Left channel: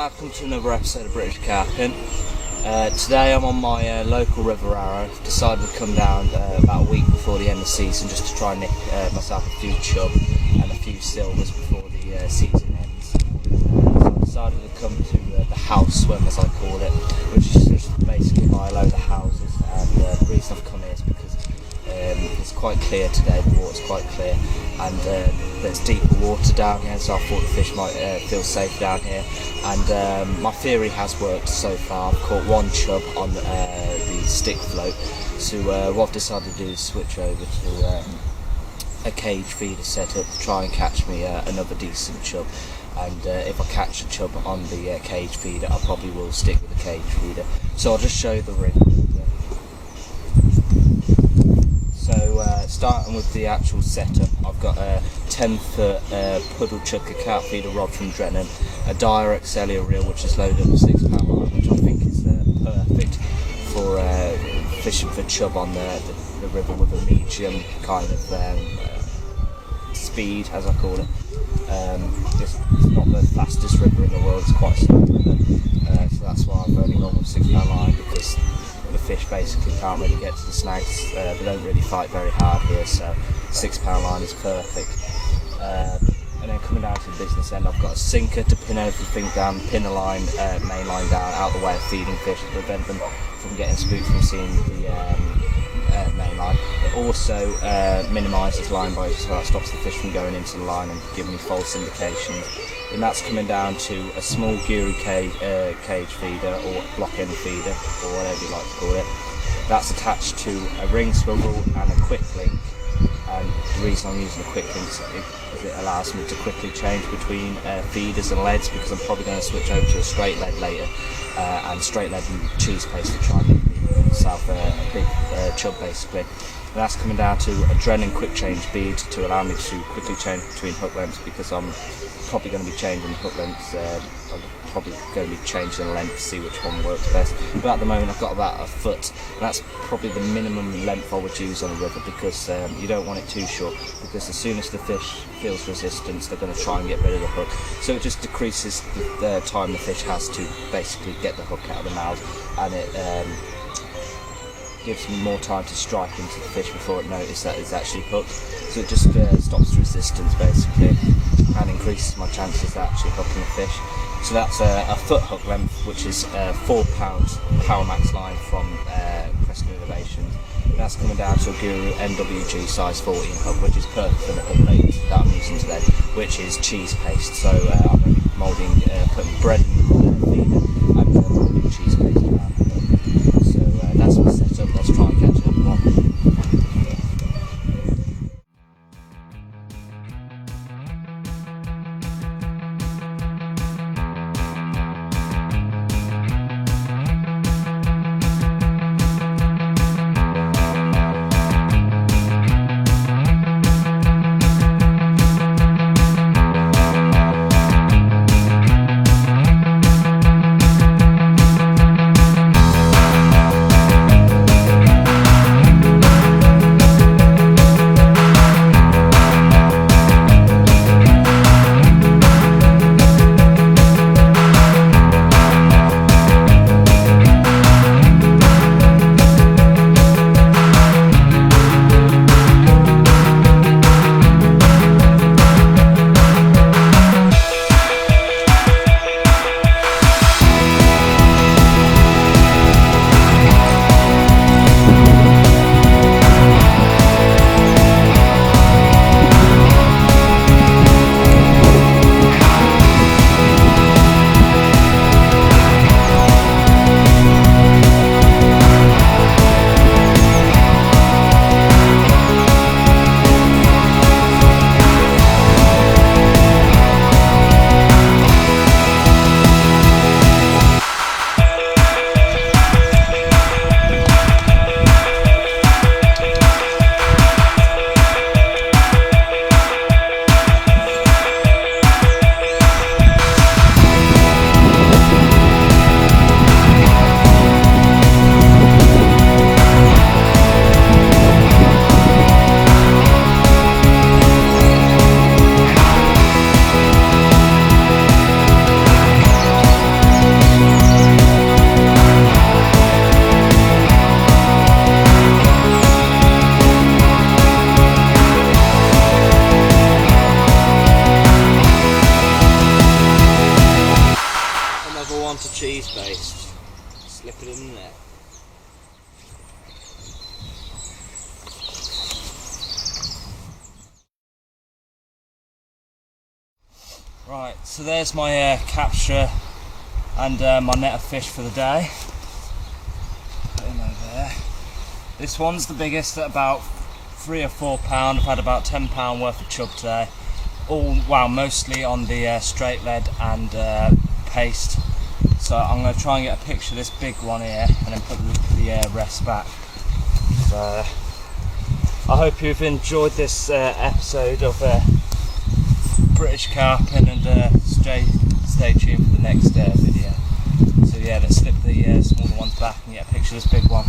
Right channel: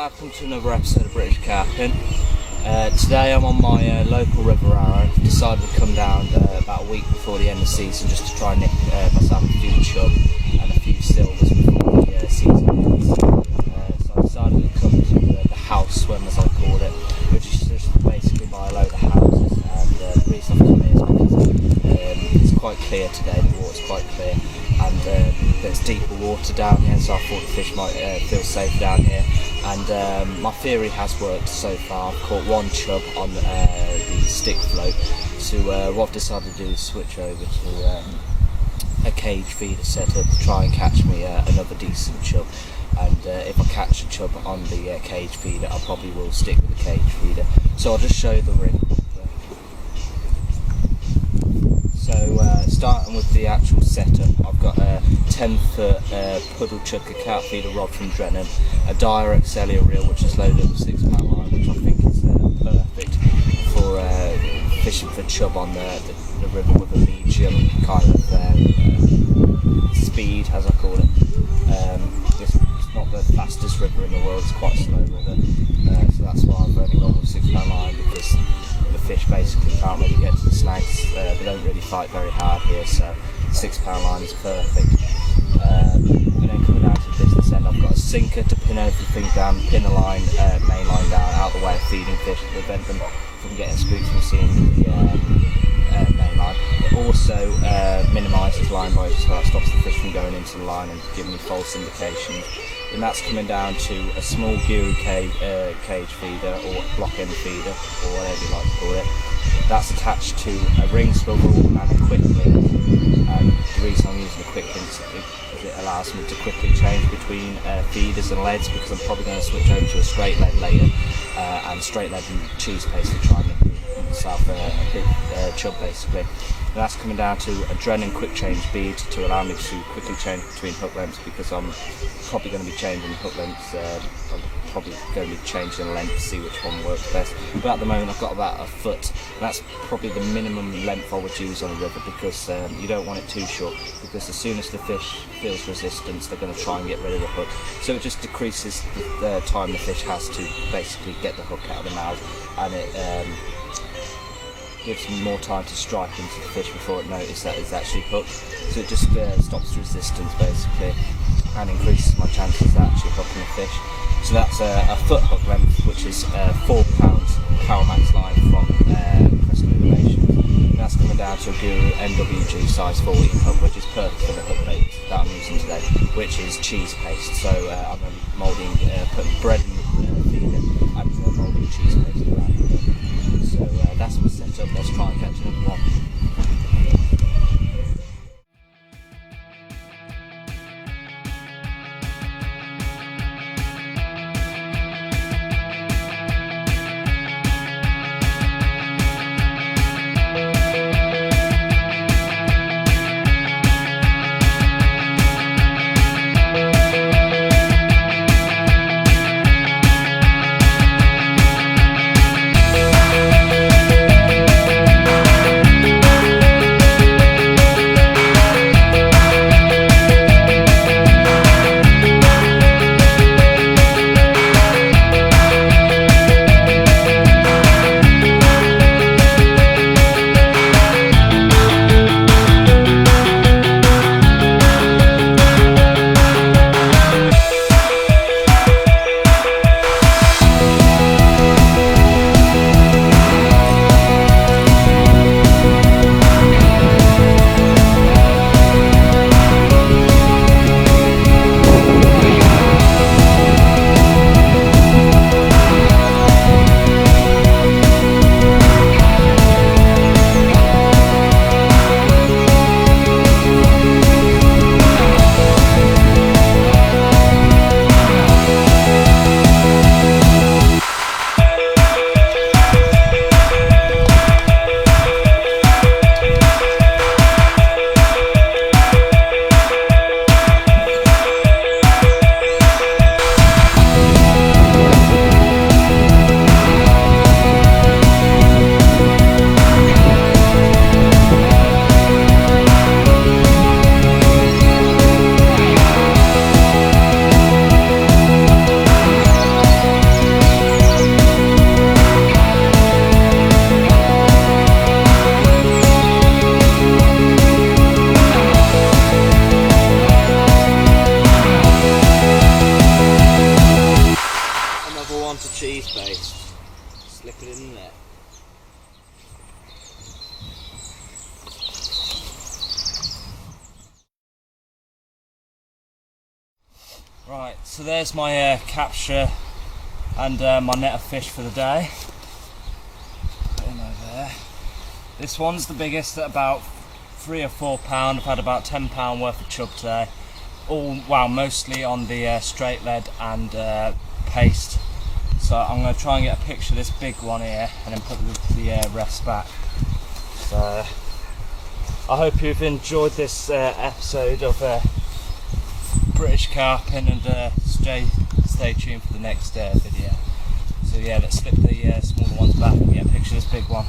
welcome to another episode of British Carping. Today I'm on my local River Arrow. I've decided to come down about a week before the end of the season just to try and nick myself a few chub and a few silvers before the season ends. So I decided to come to the house swim, as I call it, which is just basically by a load of houses. And the reason I've come here is because it's quite clear today, the water's quite clear, and there's deeper water down here, so I thought the fish might feel safe down here. And my theory has worked so far. I've caught one chub on the stick float, so what I've decided to do is switch over to a cage feeder setup to try and catch me another decent chub. And if I catch a chub on the cage feeder, I probably will stick with the cage feeder. So I'll just show you the rig. So starting with the actual setup, I've got a 10-foot puddle chucker carp feeder rod from Drennan, a direct cellular reel which is loaded with 6-pound line, which I think is perfect for fishing for chub on the river with a medium kind of speed, as I call it. It's not the fastest river in the world, it's quite a slow river, so that's why I've only gone with 6-pound line, because the fish basically can't really get to the snags. They don't really fight very hard here, so 6-pound line is perfect. And then coming down to the business end, I've got a sinker to pin everything down, pin the line, main line down, out the way of feeding fish to prevent them from getting spooked from seeing the main line. It also minimises line breaks, so that stops the fish from going into the line and giving me false indications. And that's coming down to a small guru cage feeder or block end feeder, or whatever you like to call it. That's attached to a ring swivel and a quick link. And the reason I'm using a quick link is it allows me to quickly change between feeders and leads, because I'm probably going to switch over to a straight lead later, and straight lead and cheese paste to try and make myself a big chub basically. And that's coming down to a Drennan quick change bead to allow me to quickly change between hook lengths, because I'm probably going to be changing hook lengths. I'm probably going to be changing the length to see which one works best. But at the moment I've got about a foot, and that's probably the minimum length I would use on a river, because you don't want it too short, because as soon as the fish feels resistance, they're going to try and get rid of the hook. So it just decreases the time the fish has to basically get the hook out of the mouth, and it gives me more time to strike into the fish before it notices that it's actually hooked. So it just stops the resistance basically, and increases my chances of actually hooking a fish. So that's a foot hook length, which is 4 pounds Power Max line from Crescent Innovations. That's coming down to a Guru NWG size 14 hook, which is perfect for the hook bait that I'm using today, which is cheese paste. So I'm going to be moulding, putting bread in the feeder and moulding cheese paste around the hook. So that's my setup. Let's try and catch another one. cheese paste. Slip it in there. Right, so there's my capture and my net of fish for the day. Put him over there. This one's the biggest at about 3 or 4 pound. I've had about 10 pound worth of chub today. Mostly on the straight lead and paste. So I'm going to try and get a picture of this big one here and then put the rest back. So I hope you've enjoyed this episode of British carping, and stay tuned for the next video. So yeah, let's slip the smaller ones back and get a picture of this big one.